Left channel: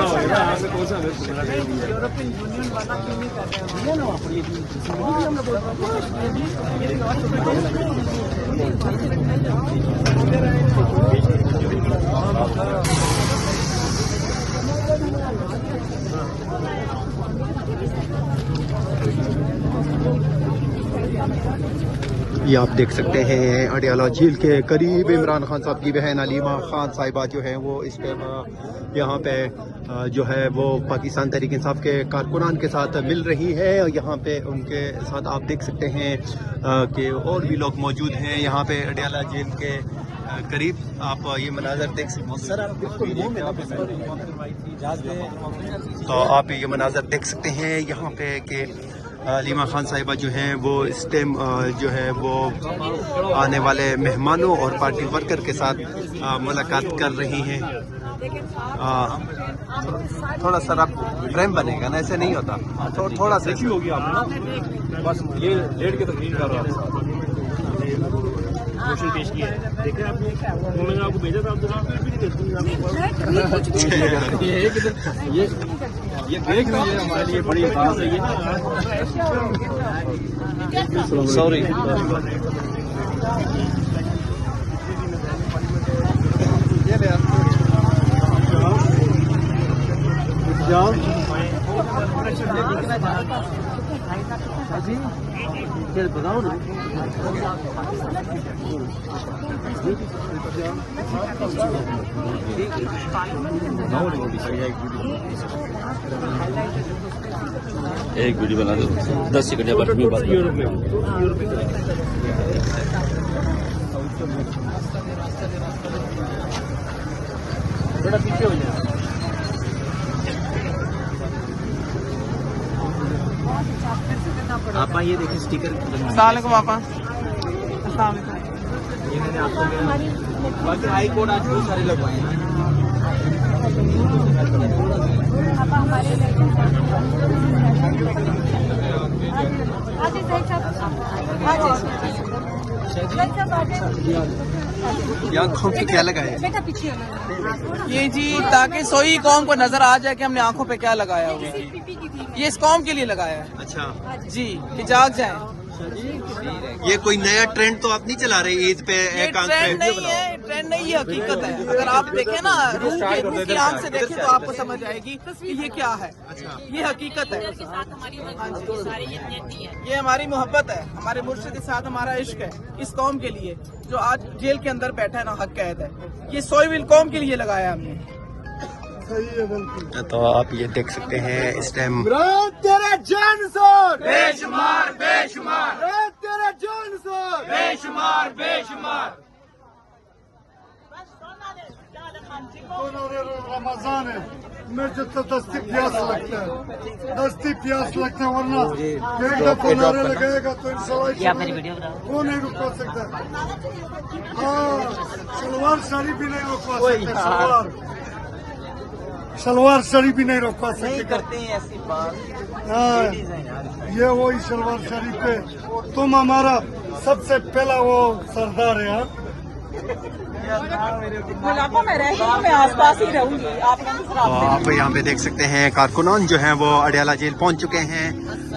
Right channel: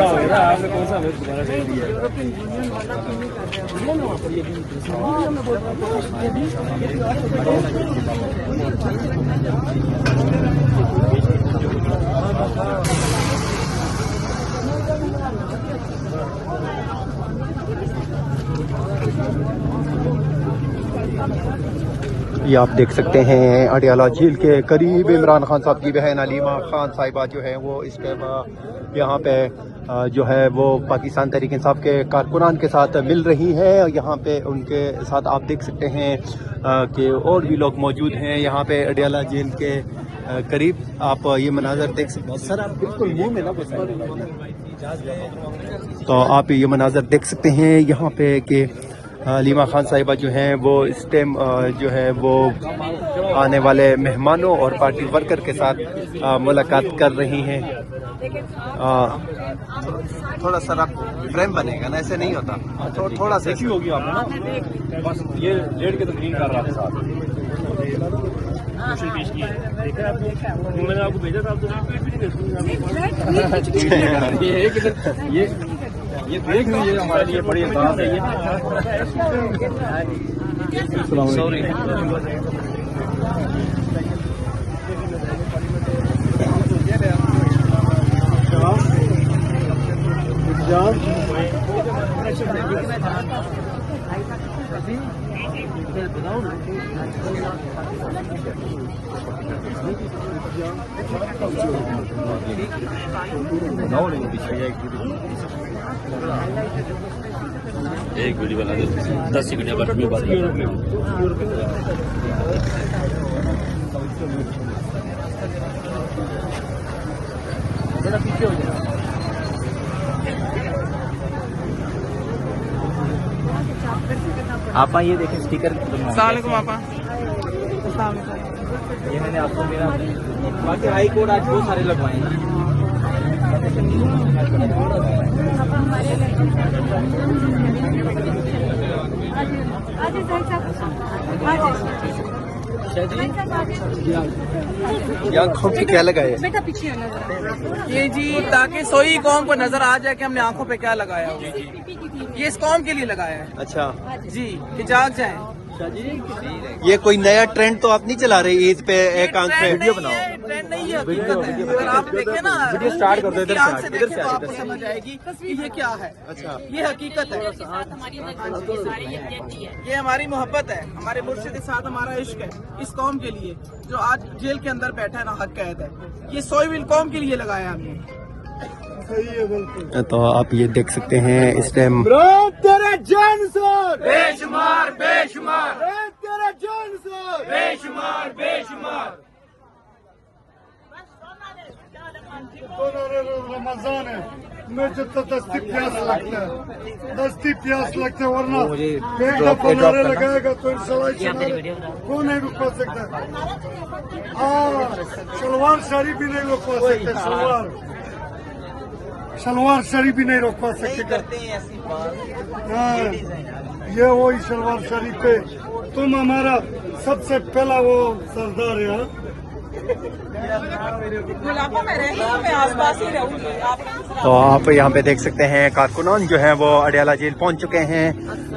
बड़ा हो गया, आपने कौन सा वोट दोबारा कर दिया? यूरोपियन यूनियन वाला क्यों नहीं कर रहा है ना? वहाँ पर ये भी हमें बोल ये आप देख सकते हैं अडियाला झील के करीब इमरान खान साहब की बहन अलीमा खान साहिबा जो है वो इस पे यहाँ पे जो है वो पाकिस्तान तहरीक इंसाफ के कारकुनान के साथ मिल रही है। और यहाँ पे उनके साथ आप देख सकते हैं कि और भी लोग मौजूद हैं यहाँ पे अडियाला झील के करीब। आप ये मनाजर देख सकते हैं, तो आप ये मनाजर देख सकते हैं यहाँ पे कि अलीमा खान साहिबा जो हैं वो इस टाइम जो है वो आने वाले मेहमानों और पार्टी वर्कर के साथ मुलाकात कर रही हैं। थोड़ा सा आप फ्रेम बनेगा ना, ऐसे नहीं होता, थोड़ा सा होगी आपने बस ये डेढ़ के तकरीर कर रहा था पेश किया है। देखा आपने, मैंने आपको भेजा था, ये देख लीजिए हमारे लिए बड़ी आसान है ये ना। सॉरी बताओ ना। एक वीडियो बना दो 10 सेकंड या 5 मिनट आप ये देखें स्टिकर। अस्सलामुअलैकुम आपा। ये मैंने आपको दिया। बाकी हाई कोर्ट आज बहुत सारे लगवाए हैं। आँखों पे क्या लगाए? ये जी ताकि सोई कौम को नजर आ जाए कि हमने आंखों पे क्या लगाया हुआ। ये इस कौम के लिए लगाया है। अच्छा जी कि जाग जाए। ये कोई नया ट्रेंड तो आप नहीं चला रहे ईद पे एक आंख पे? ट्रेंड नहीं है, हकीकत है। अगर आप देखें ना रूह की आंख से देखें तो आपको समझ आएगी कि ये क्या है। अच्छा, ये हकीकत है, ये हमारी मोहब्बत है, हमारे मुर्शिद के साथ हमारा इश्क है इस कौम के लिए जो आज जेल के अंदर बैठा है ना, हक कैद है। ये सोई कौम के लिए लगाया हमने। तो आप ये देख सकते हैं इस टाइम तेरे जान सोर बेशुमार बेशुमार, तेरे जान सोर बेशुमार बेशुमार। रमजान है, मुझे तो दस्ती प्यास लगता है, दस्ती प्यास लगता है, वरना एक दफा नारे लगाएगा तो इंशाल्लाह वो नहीं रुक पा सकता। सलवार साड़ी भी नहीं रोक पा सकते, सलवार साड़ी भी नहीं रोक पा सकते। हाँ, ये वही सलवार साड़ी पे तुम हमारा सबसे पहला वो सरदार है। तो आप यहाँ पे देख सकते हैं कारकुनान जो है वो अडियाला जेल पहुँच चुके हैं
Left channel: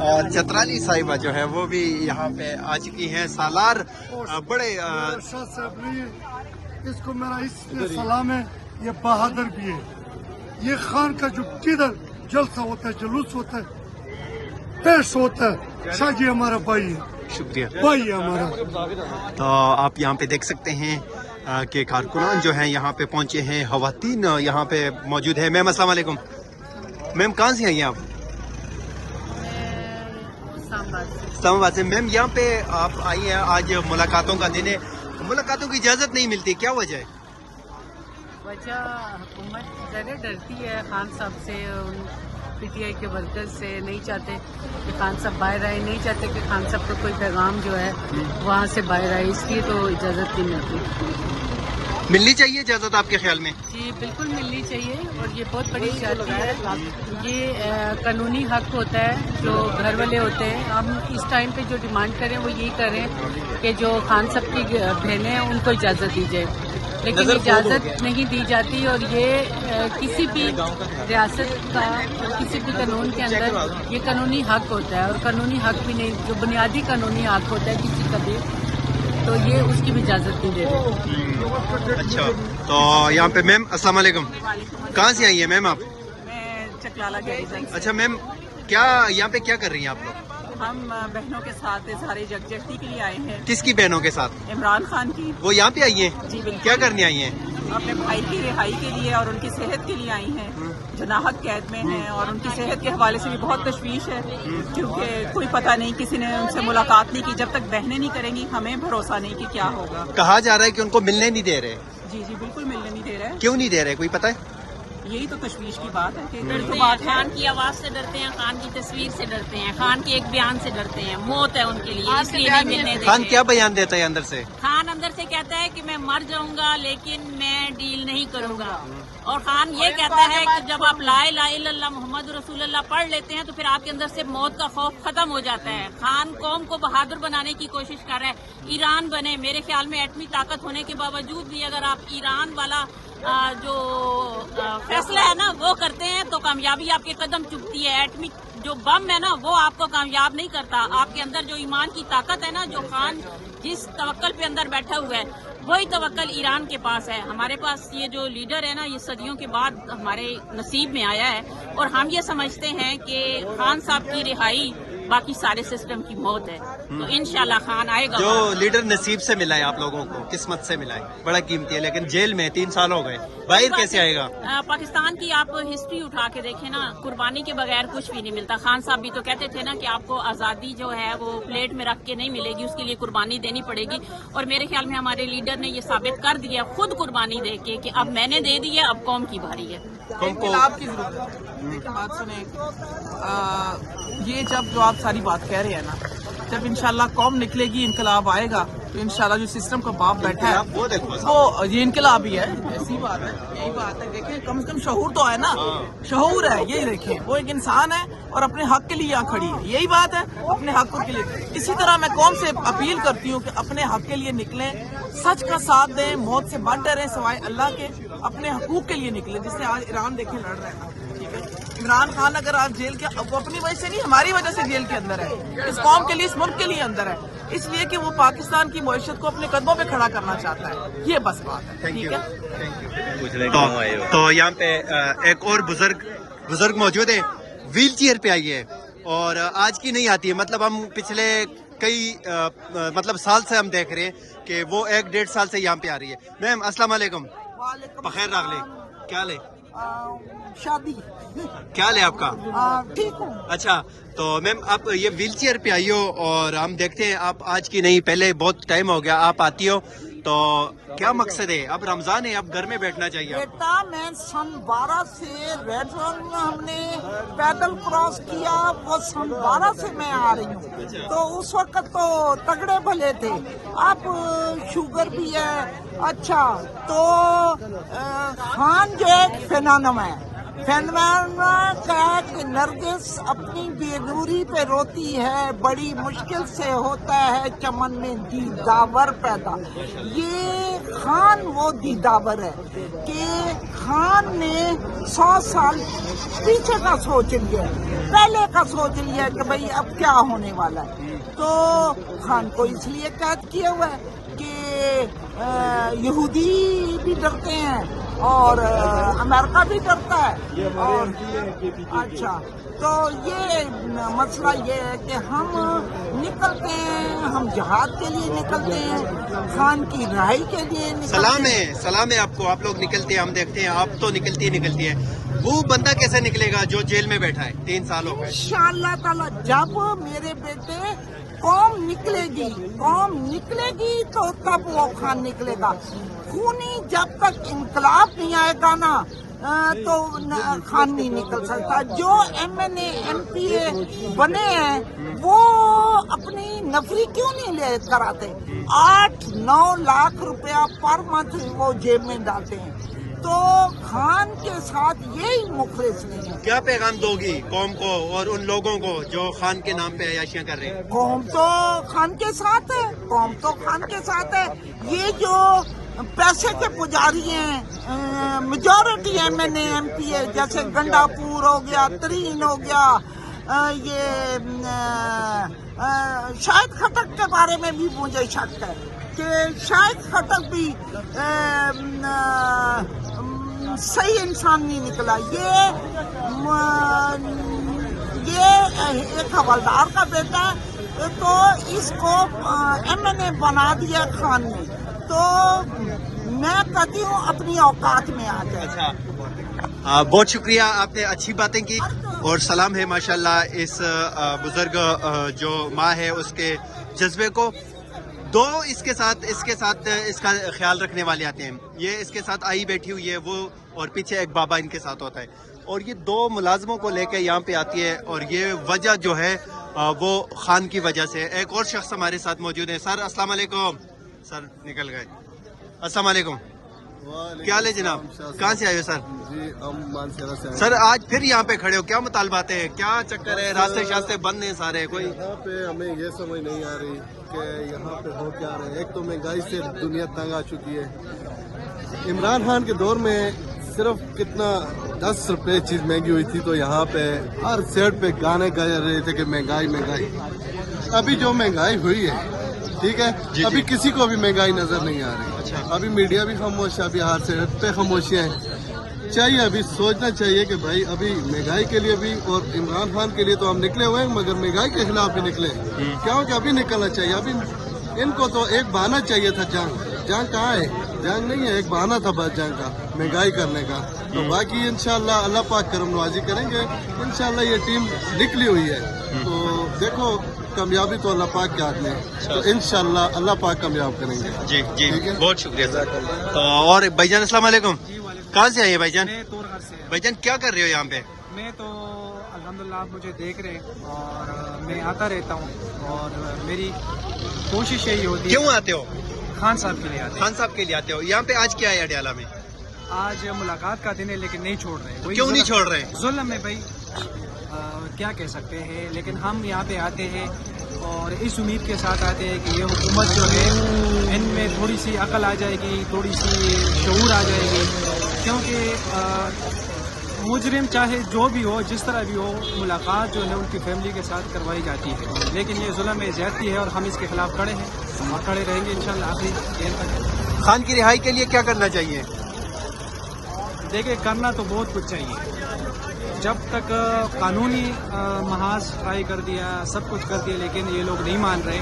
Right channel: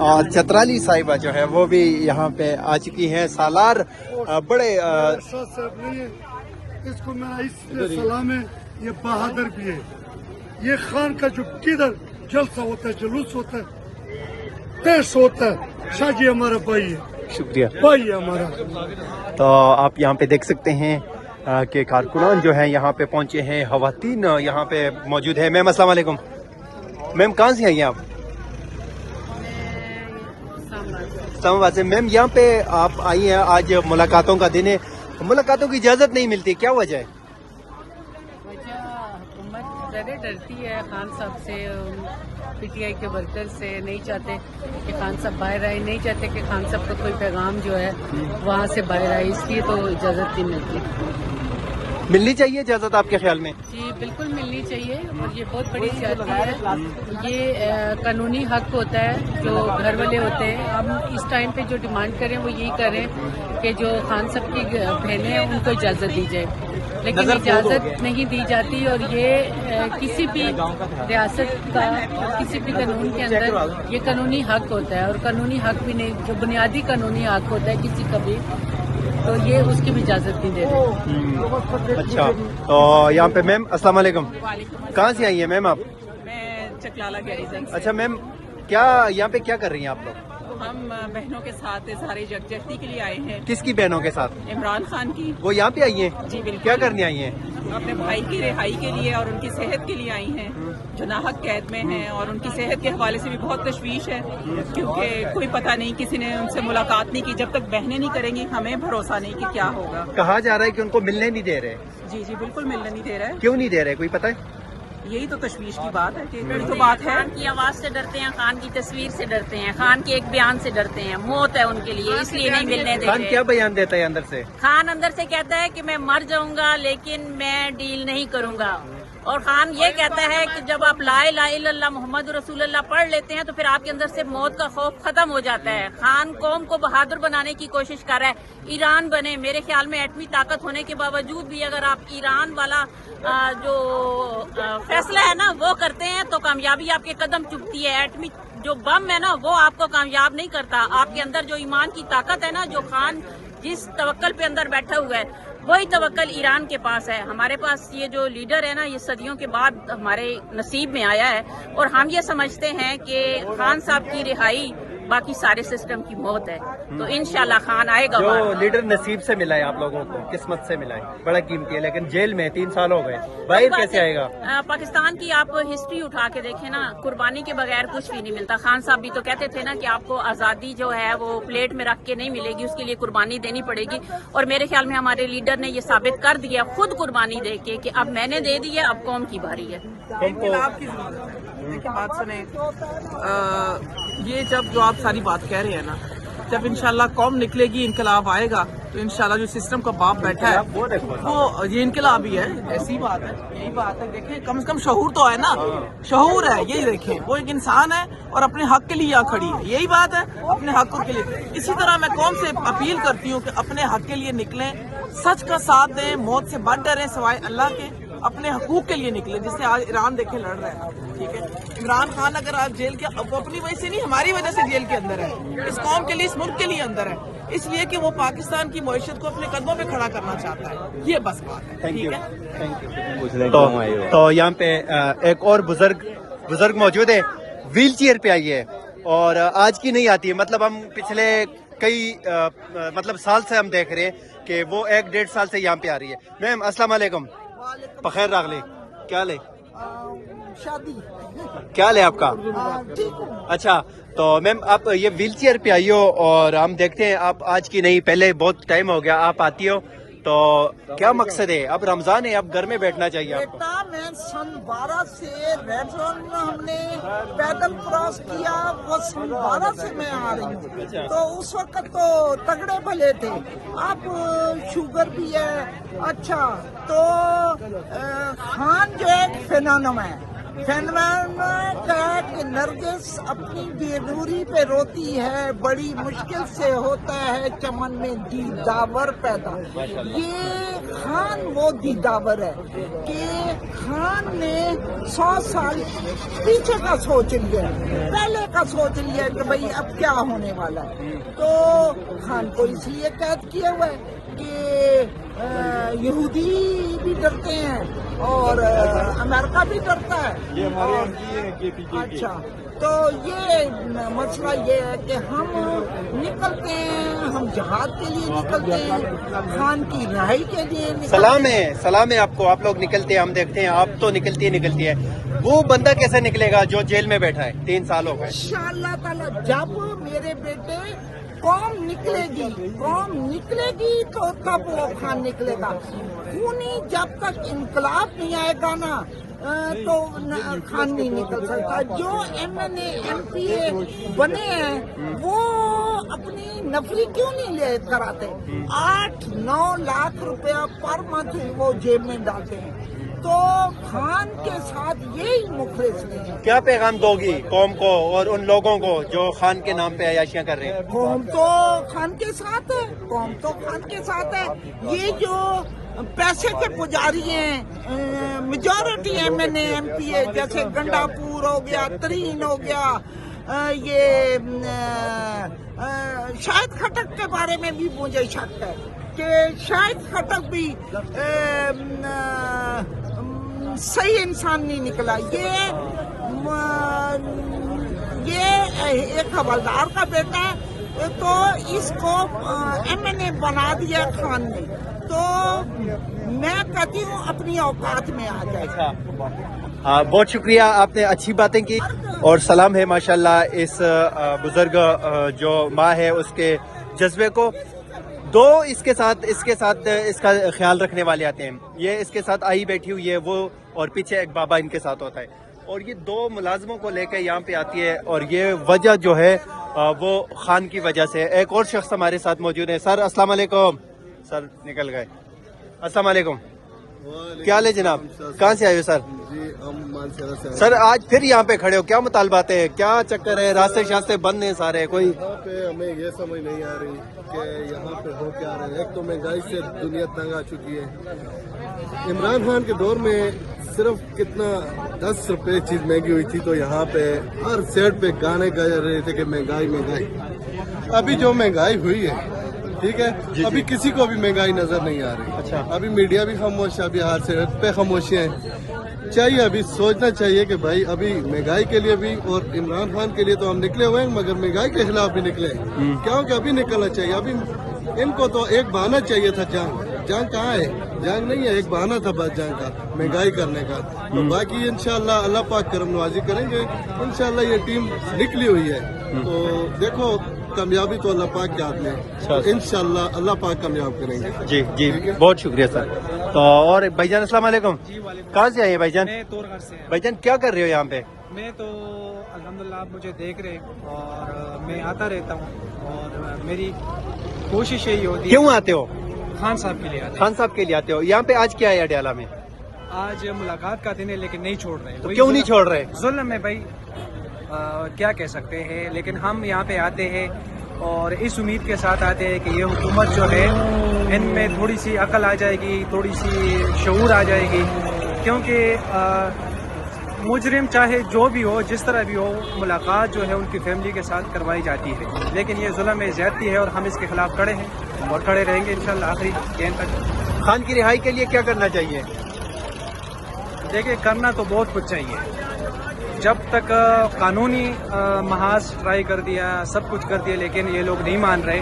और चतराली साहिबा जो है वो भी यहाँ पे आ चुकी हैं। सालार बड़े इसको मेरा इसलिए सलाम है, ये बहादुर भी है। ये खान का जो किधर जलसा होता है, जुलूस होता है, पेश होता है, शाजी हमारा भाई है, शुक्रिया भाई है हमारा। तो आप यहाँ पे देख सकते हैं कि कारकुनान जो है यहाँ पे पहुँचे हैं, खवातीन यहाँ पे मौजूद है। मैम अस्सलाम वालेकुम। मैम कहाँ से आई हैं आप? इस्लामाबाद से। मैम यहाँ पे आप आई हैं, आज मुलाकातों का दिन है, मुलाकातों की इजाज़त नहीं मिलती, क्या वजह है? वजह हुकूमत ज़्यादा डरती है खान साहब से, पीटीआई के वर्कर से। नहीं चाहते कि खान साहब बाहर आए, नहीं चाहते कि खान साहब का कोई पैगाम जो है वहाँ से बाहर आए, इसलिए तो इजाज़त नहीं मिलती। मिलनी चाहिए इजाज़त आपके ख्याल में? जी बिल्कुल मिलनी चाहिए, और ये बहुत बड़ी जाती है, ये कानूनी हक होता है जो घर वाले होते हैं। हम इस टाइम पे जो डिमांड करें वो यही करें कि जो खान साहब की बहनें हैं उनको इजाज़त दी जाए। لیکن اجازت نہیں دی جاتی، اور یہ کسی بھی ریاست کا اور کسی بھی قانون کے اندر یہ قانونی حق ہوتا ہے، اور قانونی حق بھی نہیں، جو بنیادی قانونی حق ہوتا ہے کسی کا بھی، تو یہ اس کی بھی اجازت نہیں دے رہے۔ اچھا، تو یہاں پہ میم السلام علیکم، کہاں سے آئی ہیں میم آپ؟ میں چکلالہ گیریزن سے۔ اچھا میم، کیا یہاں پہ کیا کر رہی ہیں آپ لوگ؟ ہم بہنوں کے ساتھ اظہار یکجہتی کے لیے آئے ہیں۔ کس کی بہنوں کے ساتھ؟ عمران خان کی۔ وہ یہاں پہ آئی ہیں؟ جی بالکل۔ کیا کرنے آئی ہیں؟ اپنے بھائی کی رہائی کے لیے اور ان کی صحت کے لیے آئی ہیں، جو ناحق قید میں ہیں، اور ان کی صحت کے حوالے سے بھی بہت تشویش ہے، کیونکہ کوئی پتہ نہیں، کسی نے ان سے ملاقات نہیں کی۔ جب تک بہنیں نہیں کریں گی ہمیں بھروسہ نہیں کہ کیا ہوگا۔ کہا جا رہا ہے کہ ان کو ملنے نہیں دے رہے۔ جی جی بالکل ملنے نہیں دے رہا ہے۔ کیوں نہیں دے رہے، کوئی پتہ ہے؟ یہی تو تشویش کی بات ہے کہ یہی تو بات ہے۔ خان کی آواز سے ڈرتے ہیں، خان کی تصویر سے ڈرتے ہیں، خان کے ایک بیان سے ڈرتے ہیں، موت ہے ان کے لیے، اس لیے نہیں ملنے دیتے۔ خان کیا بیان دیتا ہے اندر سے؟ خان اندر سے کہتا ہے کہ میں مر جاؤں گا لیکن میں ڈیل نہیں کروں گا، اور خان یہ کہتا ہے کہ جب آپ لا الہ الا اللہ محمد رسول اللہ پڑھ لیتے ہیں تو پھر آپ کے اندر سے موت کا خوف ختم ہو جاتا ہے۔ خان قوم کو بہادر بنانے کی کوشش کر رہا ہے، ایران بنے۔ میرے خیال میں ایٹمی طاقت ہونے کے باوجود بھی اگر آپ ایران والا جو فیصلہ ہے نا وہ کرتے ہیں تو کامیابی آپ کے قدم چبھتی ہے۔ ایٹمی جو بم ہے نا وہ آپ کو کامیاب نہیں کرتا۔ آپ کے اندر جو ایمان کی طاقت ہے نا، جو خان جس توکل پہ اندر بیٹھا ہوا ہے، وہی توکل ایران کے پاس ہے۔ ہمارے پاس یہ جو لیڈر ہے نا، یہ صدیوں کے بعد ہمارے نصیب میں آیا ہے، اور ہم یہ سمجھتے ہیں کہ خان صاحب کی رہائی باقی سارے سسٹم کی موت ہے، تو انشاءاللہ خان آئے گا۔ جو لیڈر نصیب سے ملا ہے آپ لوگوں کو، قسمت سے ملا ہے، بڑا قیمتی ہے، لیکن جیل میں 3 سال ہو گئے، باہر کیسے آئے گا؟ پاکستان کی آپ ہسٹری اٹھا کے دیکھیں نا، قربانی کے بغیر کچھ بھی نہیں ملتا۔ خان صاحب بھی تو کہتے تھے نا کہ آپ کو آزادی جو ہے وہ پلیٹ میں رکھ کے نہیں ملے گی، اس کے لیے قربانی دینی پڑے گی، اور میرے خیال میں ہمارے لیڈر نے یہ ثابت کر دیا خود قربانی دے کے کہ اب میں نے دے دی ہے، اب قوم کی باری ہے۔ قوم کو انقلاب کی ضرورت ہے۔ لیکن بات سنیں، یہ جو آپ ساری بات کہہ رہے ہیں نا، جب انشاءاللہ قوم نکلے گی، انقلاب آئے گا تو انشاءاللہ جو سسٹم کا باپ بیٹھا ہے وہ دیکھو وہ یہ انقلاب ہی ہے۔ ایسی بات ہے، یہی بات ہے۔ دیکھیں کم سے کم شعور تو ہے نا، شعور ہے، یہی دیکھیں وہ ایک انسان ہے اور اپنے حق کے لیے یہاں کھڑی ہے، یہی بات ہے، اپنے حق کے لیے۔ اسی طرح میں قوم سے اپیل کرتی ہوں کہ اپنے حق کے لیے نکلیں، سچ کا ساتھ دیں، موت سے بچ ڈریں سوائے اللہ کے، اپنے حقوق کے لیے نکلیں، جس سے آج ایران دیکھیں لڑ رہا ہے نا، ٹھیک ہے۔ عمران خان اگر آج جیل کے، وہ اپنی وجہ سے نہیں، ہماری وجہ سے جیل کے اندر ہے، اس قوم کے لیے، اس ملک کے لیے اندر ہے، اس لیے کہ وہ پاکستان کی معیشت کو اپنے قدموں پہ کھڑا کرنا چاہتا ہے، یہ بس بات ہے، ٹھیک ہے۔ تو یہاں پہ ایک اور بزرگ موجود ہے، ویل چیئر پہ آئی ہے، اور آج کی نہیں آتی ہے، مطلب ہم پچھلے کئی سال سے ہم دیکھ رہے ہیں کہ وہ 1-1.5 سال سے یہاں پہ آ رہی ہے۔ میم السلام علیکم، بخیر راغلی، کیا لے؟ شادی کیا لے آپ کا؟ ٹھیک ہوں۔ اچھا، تو میم آپ یہ ویل چیئر پہ آئی ہو، اور ہم دیکھتے ہیں آپ آج کی نہیں، پہلے بہت ٹائم ہو گیا آپ آتی ہو، تو کیا مقصد ہے؟ اب رمضان ہے، اب گھر میں بیٹھنا چاہیے آپ کو۔ بیٹا میں سن 12 سے ریڈ رن ہم نے پیدل کراس کیا، وہ سن 12 سے میں آ رہی ہوں، تو اس وقت تو تگڑے بھلے تھے، اب شوگر بھی ہے۔ اچھا، تو خان جو ایک فینومنا ہے، فینومنا کا ہے کہ نرگس اپنی بے نوری پہ روتی ہے، بڑی مشکل سے ہوتا ہے چمن میں دیداور پیدا۔ یہ خان وہ دیداور ہے کہ خان نے 100 سال پیچھے کا سوچ لیا، پہلے کا سوچ لیا کہ بھئی اب کیا ہونے والا ہے، تو خان کو اس لیے قید کیا ہوا ہے کہ یہودی بھی ڈرتے ہیں اور امریکہ بھی ڈرتا ہے، اور اچھا تو یہ مسئلہ یہ ہے کہ ہم نکلتے ہیں، ہم جہاد کے لیے نکلتے ہیں، خان کی رہائی کے لیے نکلتے ہیں۔ سلام ہے آپ کو، آپ لوگ نکلتے ہیں، ہم دیکھتے ہیں آپ تو نکلتی ہے، وہ بندہ کیسے نکلے گا جو جیل میں بیٹھا ہے 3 سال ہو گئے؟ انشاءاللہ تعالی جب میرے بیٹے قوم نکلے گی تو تب وہ خان نکلے گا۔ خونی جب تک انقلاب نہیں آئے گا نا تو خان نہیں نکل سکتا۔ جو MNA MPA بنے ہیں وہ اپنی نفری کیوں نہیں لے کر آتے؟ 8-9 لاکھ روپیہ پر منتھ وہ جیب میں ڈالتے ہیں، تو خان کے ساتھ یہی مخلص نہیں ہے۔ کیا پیغام دو گی قوم کو اور ان لوگوں کو جو خان کے نام پہ عیاشیاں کر رہے ہیں؟ قوم تو خان کے ساتھ ہے، قوم تو خان کے ساتھ ہے۔ یہ جو पैसे के पुजारी हैं, मेजॉरिटी MNA MPA जैसे गंडापुर हो गया, तरीन हो गया, ये शाहिद खटक के बारे में भी मुझे शक है कि शाहिद खटक भी सही इंसान नहीं निकला। ये एक हवलदार का बेटा है, तो इसको MNA बना दिया खान ने, तो मैं कहती हूँ अपनी औकात में आ जाए। बहुत शुक्रिया, आपने अच्छी बातें की और सलाम है माशाल्लाह इस बुजुर्ग जो माँ है उसके जज्बे को। दो इसके साथ इसका ख्याल रखने वाले आते हैं, ये इसके साथ आई बैठी हुई है वो, और पीछे एक बाबा इनके साथ होता है, और ये दो मुलाजमों को लेकर यहाँ पे आती है, और ये वजह जो है वो खान की वजह से। एक और शख्स हमारे साथ मौजूद है। सर अस्सलाम वालेकुम। सर निकल गए। अस्सलाम वालेकुम, क्या हाल है जनाब, कहाँ से आए हो सर? जी हम मानसरा से। सर आज फिर यहाँ पे खड़े हो, क्या मुतालबात है, क्या चक्कर है? रास्ते शास्ते बंद हैं सारे, कोई यहाँ पे हमें ये समझ नहीं आ रही कि यहाँ पे हो क्या रहा है। एक तो महंगाई से दुनिया तंग आ चुकी है। इमरान खान के दौर में सिर्फ कितना 10 रुपए चीज महंगी हुई थी, तो यहाँ पे हर सेट पे गाने कर रहे थे कि महंगाई महंगाई। अभी जो महंगाई हुई है ठीक है, अभी किसी को भी महंगाई नजर नहीं आ रही। अच्छा, अभी मीडिया भी खामोश है, अभी हर सेट पे खामोशियां हैं। चाहिए अभी सोचना चाहिए कि भाई अभी महंगाई के लिए भी और इमरान खान के लिए तो हम निकले हुए हैं, मगर महंगाई के खिलाफ भी निकले, क्योंकि अभी निकलना चाहिए। अभी इनको तो एक बहाना चाहिए था, जंग कहाँ है? जंग नहीं है, एक बहाना था बस जंग का, महंगाई करने का। तो बाकी इंशाल्लाह अल्लाह पाक करम नवाजी करेंगे, इंशाल्लाह ये टीम निकली हुई है। तो देखो कामयाबी तो अल्लाह पाक के हाथ में, तो इंशाल्लाह अल्लाह पाक कामयाब करेंगे। जी जी बहुत शुक्रिया सर। और भाईजान अस्सलाम वालेकुम, कहाँ से आए हैं भाईजान? मैं तोरघर से। भाईजान क्या कर रहे हो यहाँ पे? मैं तो अल्हम्दुलिल्लाह आप मुझे देख रहे हैं और मैं आता रहता हूँ, और मेरी कोशिश यही होती है। क्यों आते हो? खान साहब के लिए आते हैं। खान साहब के लिए आते हो। यहाँ पे आज क्या है अडियाला में? आज मुलाकात का दिन है, लेकिन नहीं छोड़ रहे। वही क्यों नहीं छोड़ रहे? जुल्म है भाई, क्या कह सकते हैं। लेकिन हम यहाँ पे आते हैं और इस उम्मीद के साथ आते हैं कि ये हुकूमत जो है इनमें थोड़ी सी अकल आ जाएगी, थोड़ी सी शऊर आ जाएगी, क्योंकि मुजरिम चाहे जो भी हो, जिस तरह भी हो, मुलाकात जो है उनकी फैमिली के साथ करवाई जाती है। लेकिन ये जुल्म में ज़्यादती है और हम इसके खिलाफ खड़े हैं और खड़े रहेंगे इंशाल्लाह आखिरी दिन तक। खान की रिहाई के लिए क्या करना चाहिए? देखिए करना तो बहुत कुछ चाहिए। जब तक कानूनी महाज ट्राई कर दिया, सब कुछ कर दिया, लेकिन ये लोग नहीं मान रहे,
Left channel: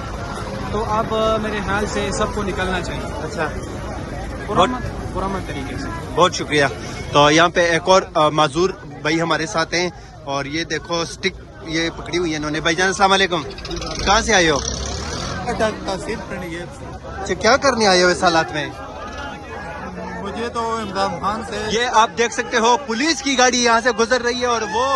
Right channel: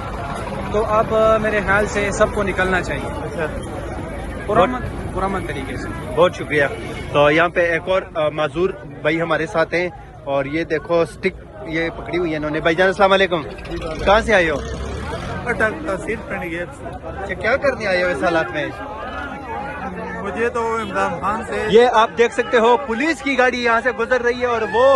तो अब मेरे ख्याल से सबको निकलना चाहिए। अच्छा, पुरअमन तरीके से। बहुत शुक्रिया। तो यहाँ पे एक और माजूर भाई हमारे साथ हैं, और ये देखो स्टिक ये पकड़ी हुई है इन्होंने। भाईजान अस्सलाम वालेकुम, कहाँ से आए हो? अच्छा, क्या करने आए हो इस हालात में? मुझे तो इमरान खान से ये आप देख सकते हो पुलिस की गाड़ी यहाँ से गुजर रही है, और वो